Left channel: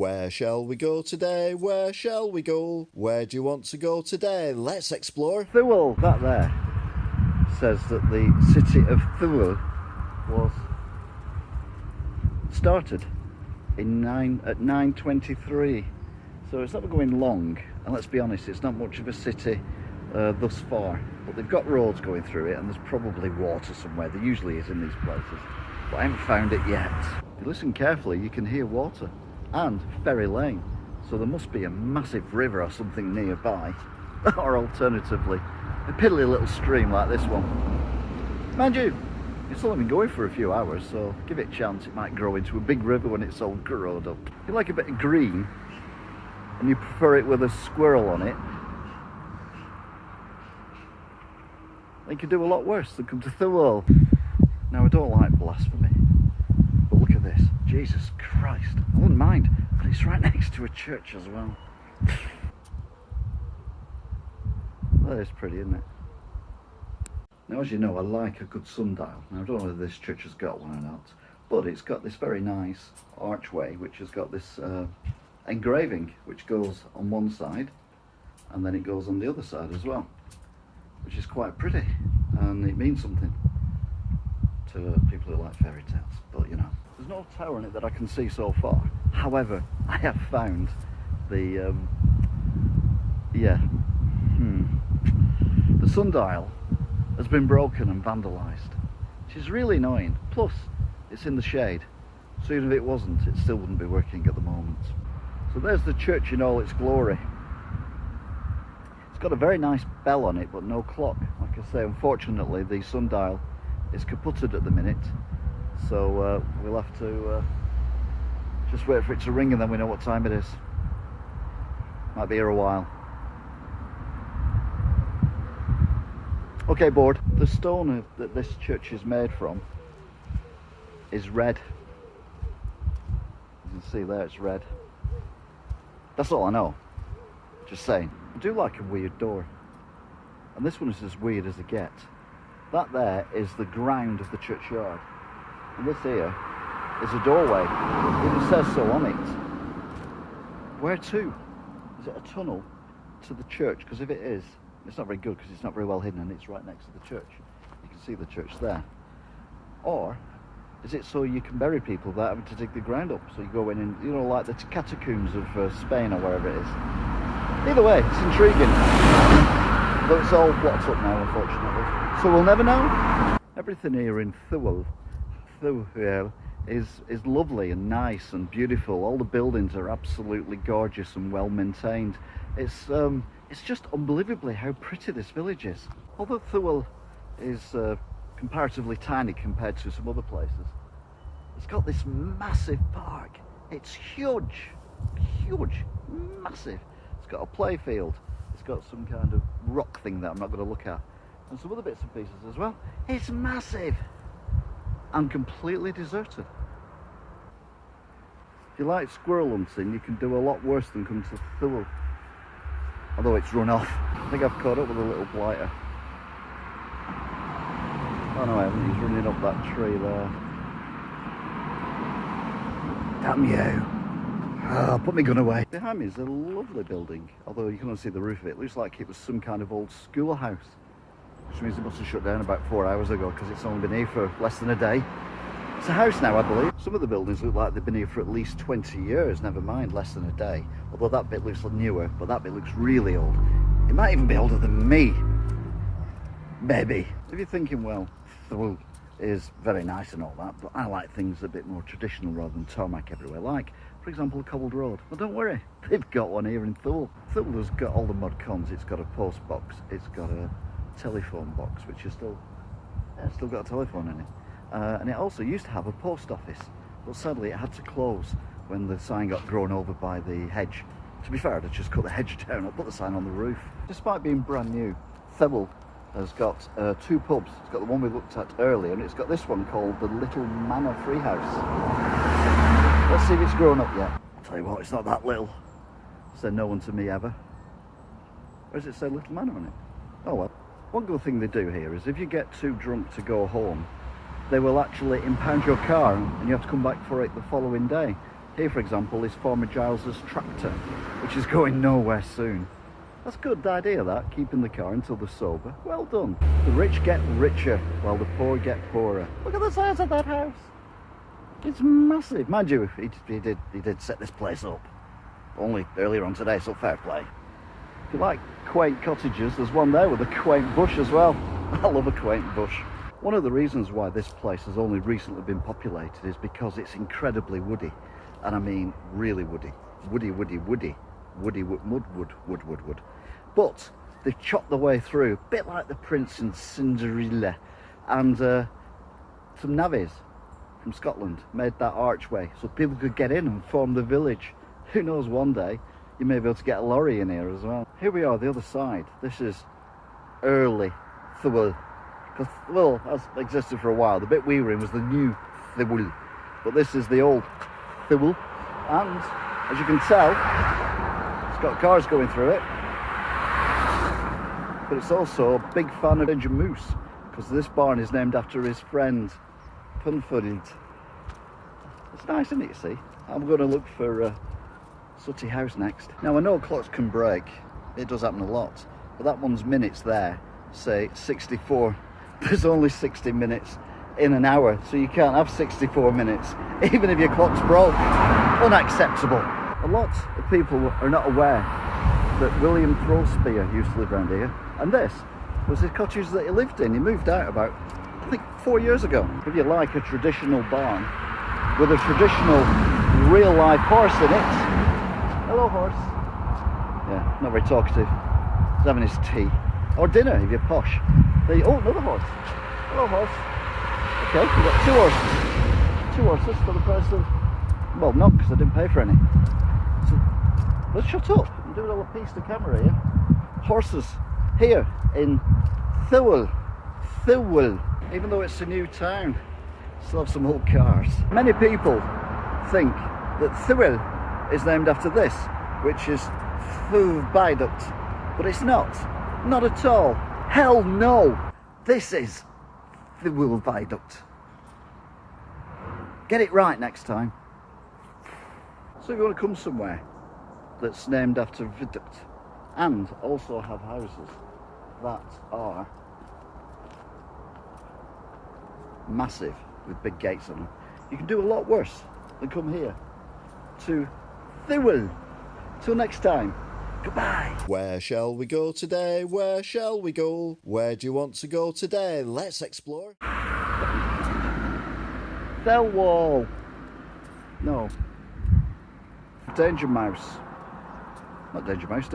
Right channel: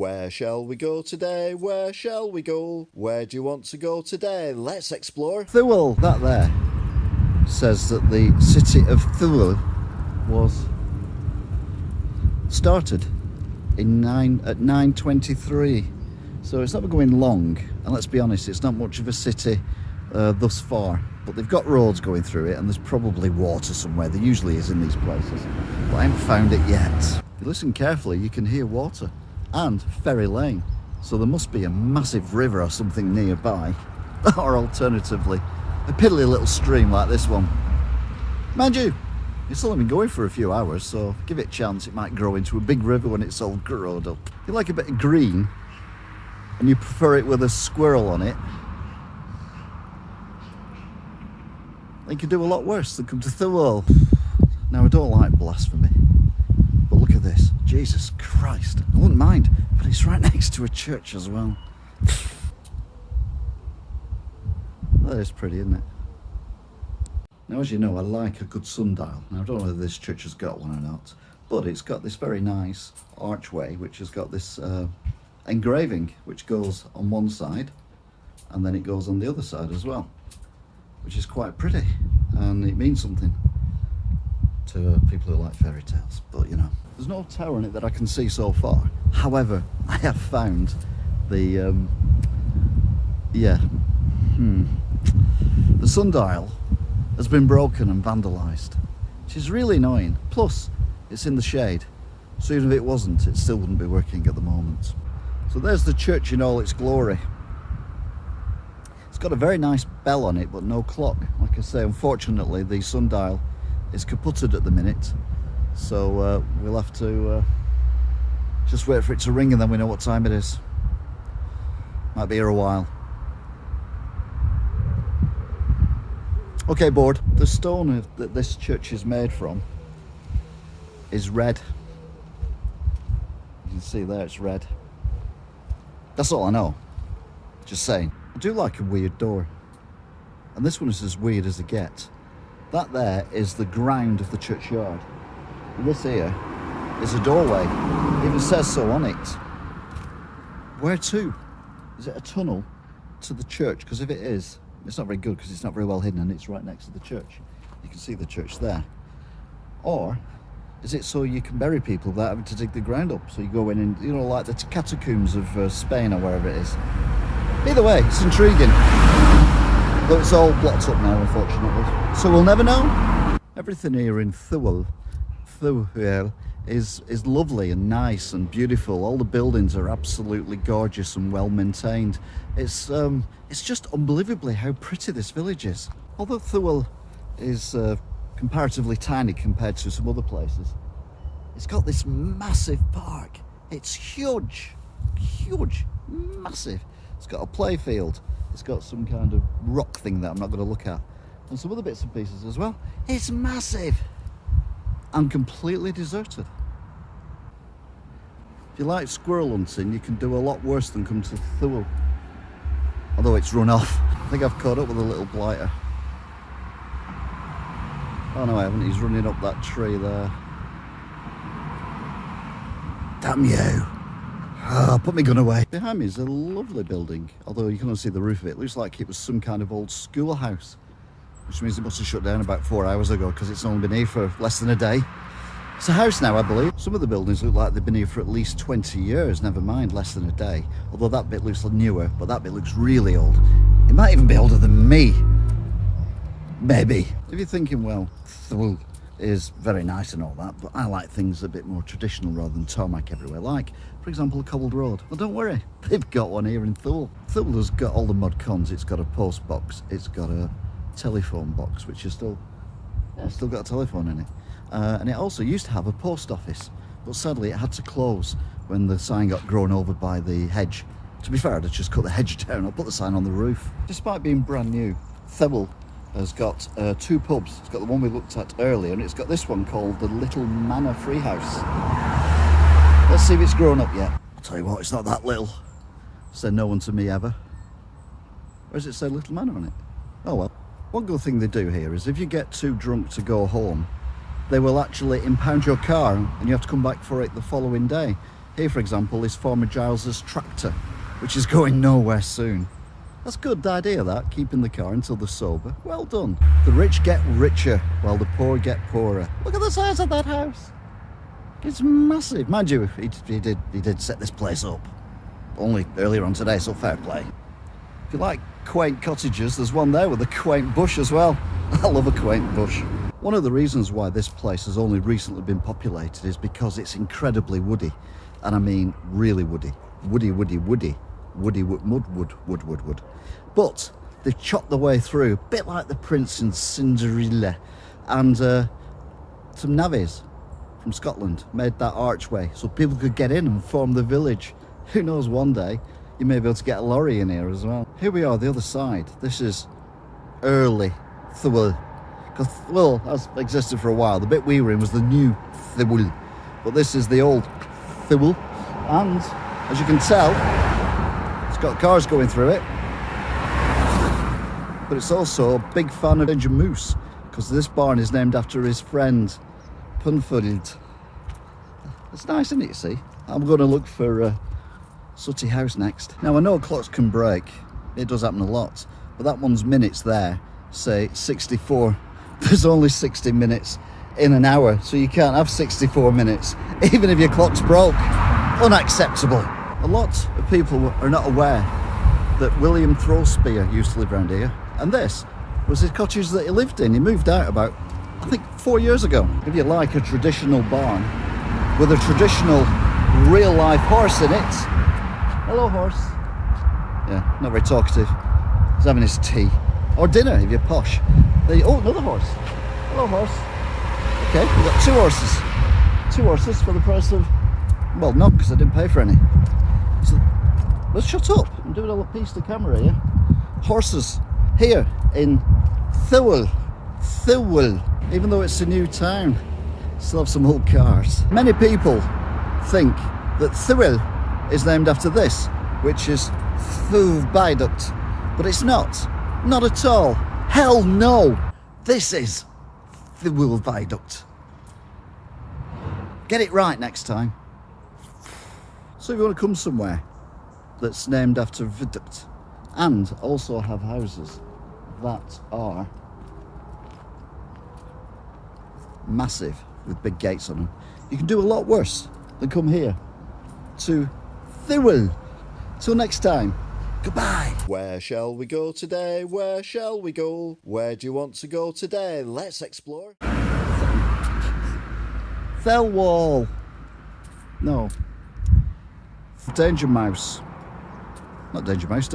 Where shall we go today? Where shall we go? Where do you want to go today? Let's explore Thelwall. That there says that the city of Thelwall was started at 923. So it's not going long, and let's be honest, it's not much of a city thus far, but they've got roads going through it, and there's probably water somewhere. There usually is in these places, but I haven't found it yet. If you listen carefully, you can hear water and Ferry Lane, so there must be a massive river or something nearby, or alternatively a piddly little stream like this one. Mind you, it's only been going for a few hours, so give it a chance, it might grow into a big river when it's all grown up. If you like a bit of green and you prefer it with a squirrel on it, then you can do a lot worse than come to Thelwall. Now, I don't like blasphemy, but look at this. Jesus Christ, I wouldn't mind, but it's right next to a church as well. That is pretty, isn't it? Now, as you know, I like a good sundial. Now, I don't know whether this church has got one or not, but it's got this very nice archway, which has got this engraving, which goes on one side, and then it goes on the other side as well, which is quite pretty, and it means something to people who like fairy tales. But, you know, there's no tower in it that I can see so far. However, I have found the, the sundial has been broken and vandalised, which is really annoying. Plus, it's in the shade, so even if it wasn't, it still wouldn't be working at the moment. So there's the church in all its glory. It's got a very nice bell on it, but no clock. Like I say, unfortunately, the sundial is kaputted at the minute, so we'll have to just wait for it to ring, and then we know what time it is. Might be here a while. Okay, board. The stone that this church is made from is red. You can see there, it's red. That's all I know. Just saying. I do like a weird door. And this one is as weird as it gets. That there is the ground of the churchyard. And this here is a doorway. It even says so on it. Where to? Is it a tunnel to the church? Because if it is, it's not very good, because it's not very well hidden and it's right next to the church. You can see the church there. Or is it so you can bury people without having to dig the ground up? So you go in and, you know, like the catacombs of Spain or wherever it is. Either way, it's intriguing. Though it's all blocked up now, unfortunately. So we'll never know. Everything here in Thelwall is lovely and nice and beautiful. All the buildings are absolutely gorgeous and well maintained. It's just unbelievably how pretty this village is. Although Thelwall is comparatively tiny compared to some other places, it's got this massive park. It's huge, massive. It's got a play field. It's got some kind of rock thing that I'm not going to look at, and some other bits and pieces as well. It's massive and completely deserted. If you like squirrel hunting, you can do a lot worse than come to Thelwall. Although it's run off. I think I've caught up with a little blighter. Oh no, I haven't. He's running up that tree there. Damn you. Put my gun away. Behind me is a lovely building, although you can only see the roof of it. It looks like it was some kind of old schoolhouse, which means it must have shut down about 4 hours ago, because it's only been here for less than a day. It's a house now, I believe. Some of the buildings look like they've been here for at least 20 years, never mind less than a day. Although that bit looks newer, but that bit looks really old. It might even be older than me. Maybe. If you're thinking, well, Thelwall is very nice and all that, but I like things a bit more traditional rather than tarmac everywhere. Like, for example, a cobbled road. Well, don't worry, they've got one here in Thelwall. Thelwall has got all the mod cons. It's got a post box, it's got a telephone box, which is still got a telephone in it. And it also used to have a post office, but sadly it had to close when the sign got grown over by the hedge. To be fair, I'd have just cut the hedge down. I'll put the sign on the roof. Despite being brand new, Thelwall has got 2 pubs. It's got the one we looked at earlier, and it's got this one called the Little Manor Free House. Let's see if it's grown up yet. I'll tell you what, it's not that little. Said no one to me ever. Where does it say Little Manor on it? Oh well. One good thing they do here is if you get too drunk to go home, they will actually impound your car and you have to come back for it the following day. Here, for example, is Farmer Giles's tractor, which is going nowhere soon. That's a good idea, that, keeping the car until they're sober. Well done. The rich get richer, while the poor get poorer. Look at the size of that house. It's massive. Mind you, he did set this place up. Only earlier on today, so fair play. If you like quaint cottages, there's one there with a quaint bush as well. I love a quaint bush. One of the reasons why this place has only recently been populated is because it's incredibly woody. And I mean really woody. Woody, woody, woody. Woody, wood. But they've chopped their way through, a bit like the Prince and Cinderella. And some navvies from Scotland made that archway so people could get in and form the village. Who knows, one day you may be able to get a lorry in here as well. Here we are, the other side. This is early Thelwall. Because Thelwall has existed for a while. The bit we were in was the new Thelwall. But this is the old Thelwall. And as you can tell, it's got cars going through it. But it's also a big fan of Danger Moose, because this barn is named after his friend Punford. It's nice, isn't it, you see? I'm going to look for Sooty House next. Now, I know clocks can break. It does happen a lot. But that one's minutes there, say 64. There's only 60 minutes in an hour, so you can't have 64 minutes, even if your clock's broke. Unacceptable. A lot of people are not aware that William Throwspear used to live around here, and this was his cottage that he lived in. He moved out about, I think, 4 years ago. If you like a traditional barn with a traditional real-life horse in it. Hello, horse. Yeah, not very talkative. He's having his tea. Or dinner, if you're posh. Oh, another horse. Hello, horse. Okay, we've got 2 horses. 2 horses for the price of... Well, not because I didn't pay for any. So, let's shut up. I'm doing a piece to camera here. Horses here in Thelwall. Thelwall. Even though it's a new town, still have some old cars. Many people think that Thelwall is named after this, which is Viaduct. But it's not. Not at all. Hell no. This is Thelwall Viaduct. Get it right next time. So if you want to come somewhere that's named after Viaduct and also have houses that are massive with big gates on them, you can do a lot worse than come here to Thelwall. Till next time, goodbye. Where shall we go today? Where shall we go? Where do you want to go today? Let's explore. Thelwall. No. Danger Mouse. Not Danger Mouse.